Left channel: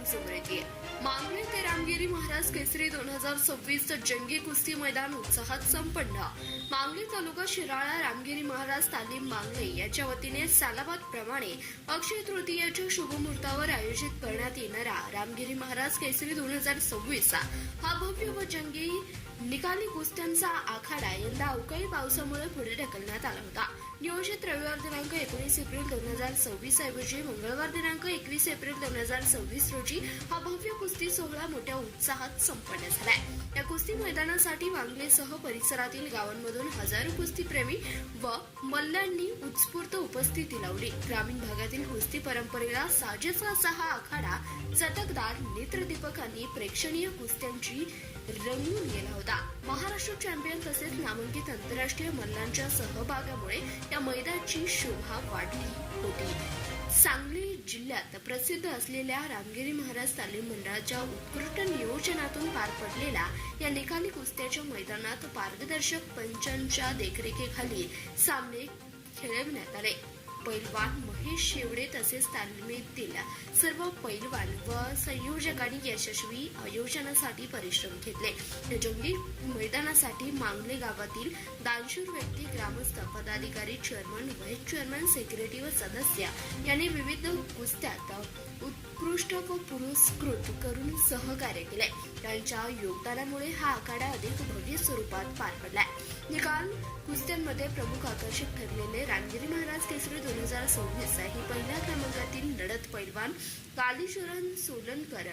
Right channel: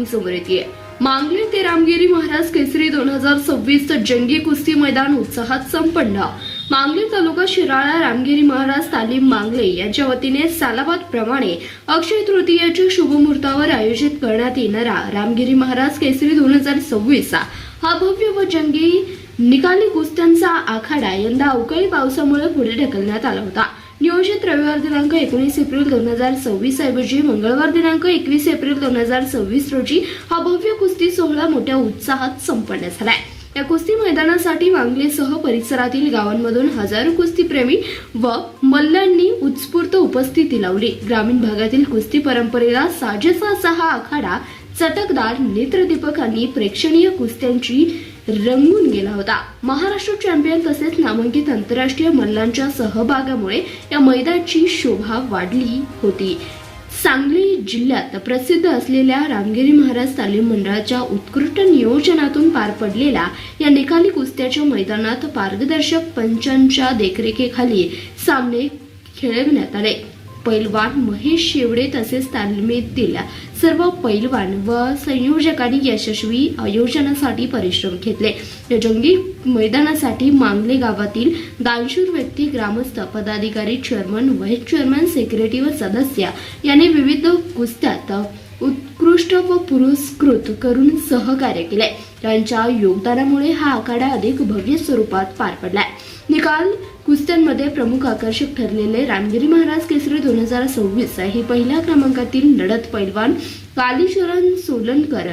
बातमी समोर येते। मांगले ते रामगिरी महाराज केसरी 2026 जंगी कुस्ती मैदान उत्साहात संपन्न। मांगले तालुका शिराळा रामगिरी महाराज तालीम मांगले यांच्या वतीने सालाबाद प्रमाणे अक्षय तृतीयेच्या शुभ मुहूर्तावर आयोजित करण्यात येणारा रामगिरी महाराज केसरी 2026 हा भव्य व जंगी निकाली कुस्त्यांचा आखाडा यंदा अवकाळी पावसामुळे पुढे ढकलण्यात आला होता। नियोजित रविवार दिनांक 19 एप्रिल 2026 ऐवजी मंगळवार दिनांक 21 एप्रिल 2026 रोजी हा भव्य कुस्ती सोहळा मोठ्या उत्साहात संपन्न झालाय। या कुस्ती मैदानासाठी मांगलेसह परिसरातील गावांमधून हजारो कुस्तीप्रेमी व मल्लांनी उत्स्फूर्त उपस्थिती लावली। ग्रामीण भागातील कुस्ती परंपरेला साजेसा असा हा आखाडा चटकदार नेत्रदीपकांनी प्रेक्षणीय कुस्त्यांची रंगून गेला होता। महाराष्ट्र चॅम्पियन तसेच नामांकित आंतरराष्ट्रीय मल्लांच्या सहभागामुळे या मैदानाची शोभा वाढली होती। सांगली जिल्ह्यात प्रसिद्ध असलेल्या रामगिरी महाराज तालीम मंडळाच्या उत्कृष्ट नियोजनातून पार पडलेल्या या निकाली कुस्त्याच्या मैदानात पारदर्शक पंचांच्या देखरेखीखाली सामने खेळवण्यात आले। पैलवान महेश शेवडे तसेच तालमीतील सर्व पैलवान व संयोजकांनी यशस्वी आयोजनासाठी परिश्रम घेतले। या जंगी मैदानासाठी मांगले गावातील दानशूर व्यक्ती, ग्रामस्थ, पदाधिकारी, चेअरमन, व्हाईस चेअरमन, सेक्रेटरी व सदस्य यांनी विविध कुस्त्यात उत्कृष्ट व पुरस्कृत करून सहकार्य केले। त्यांच्या योगदानामुळे हा आखाडा अधिक भव्य स्वरूपात पार पडलाय। निकाल कुस्त्यांमध्ये प्रमुख आकर्षक ठरलेले रामगिरी महाराज केसरी 2026 ही पहिल्या क्रमांकातील लढत पैलवान कालीचरण सोलनकर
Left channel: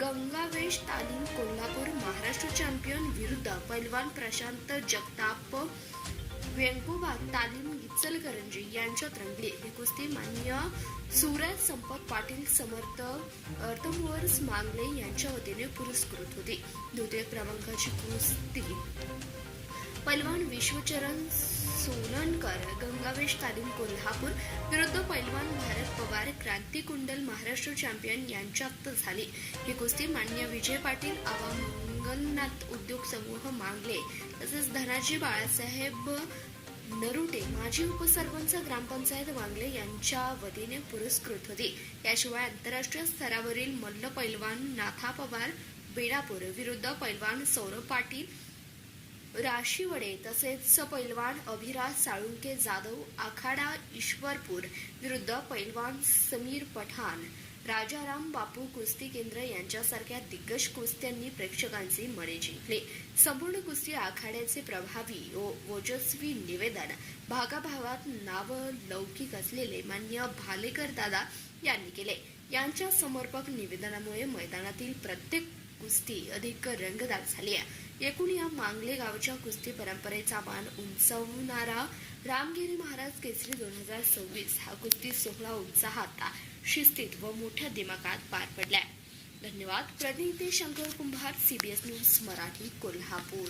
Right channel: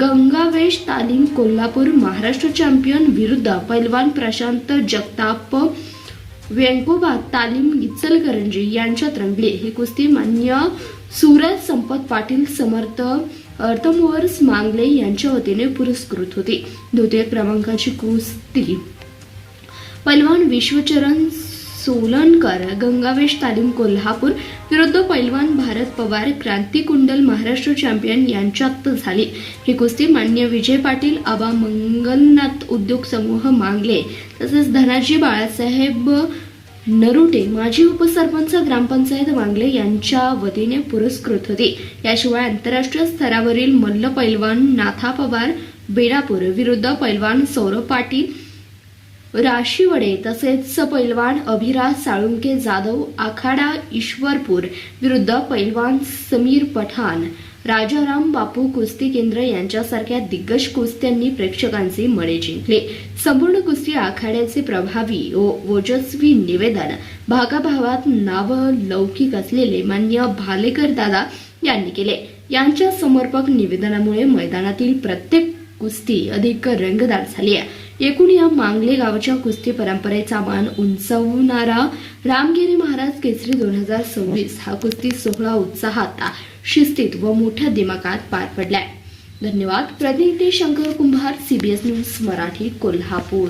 गंगावेश तालीम कोल्हापूर महाराष्ट्र चॅम्पियन विरुद्ध पैलवान प्रशांत जगताप व्यंकोबा तालीम इचलकरंजी यांच्यात रंगली। ही कुस्ती मान्य सूरज संपत पाटील समर्थ अर्थमोवर्स मांगले यांच्या वतीने पुरस्कृत होती। द्वितीय क्रमांकाची कुस्ती पैलवान विश्वचरण सोलनकर गंगावेश तालीम कोल्हापूर विरुद्ध पैलवान भारत पवार क्रांतिकुंडल महाराष्ट्र चॅम्पियन यांच्यात झाली। ही कुस्ती मान्य विजय पाटील, आबा मंगलनाथ उद्योग समूह मांगले तसेच धनाजी बाळासाहेब नरुटे माजी उपसरपंच ग्रामपंचायत मांगले यांच्या वतीने पुरस्कृत होती। याशिवाय आंतरराष्ट्रीय स्तरावरील मल्ल पैलवान नाथा पवार बेडापूर विरुद्ध पैलवान सौरभ पाटील राशीवडे तसेच पैलवान अभिराज साळुंके जाधव आखाडा ईश्वरपूर विरुद्ध पैलवान समीर पठाण राजाराम बापू कुस्ती केंद्र यांच्यासारख्या दिग्गज कुस्त्यांनी प्रेक्षकांचे मने जिंकले। संपूर्ण कुस्ती आखाड्याचे प्रभावी व ओजस्वी निवेदन भागाभावात नावलौकिक असलेले मान्य भालेकर दादा यांनी केले। यांच्या समर्पक निवेदनामुळे मैदानातील प्रत्येक कुस्ती अधिक रंगतदार झाली आहे। एकूण या मांगले गावच्या कुस्ती परंपरेचा मान उंचावणारा रामगिरी महाराज केसरी 2026 हा कुस्ती सोहळा उत्साहात, शिस्तीत व मोठ्या दिमागात पार पडलाय। धन्यवाद। प्रतिनिधी शंकर कुंभार, CBS न्यूज मराठी, कोल्हापूर।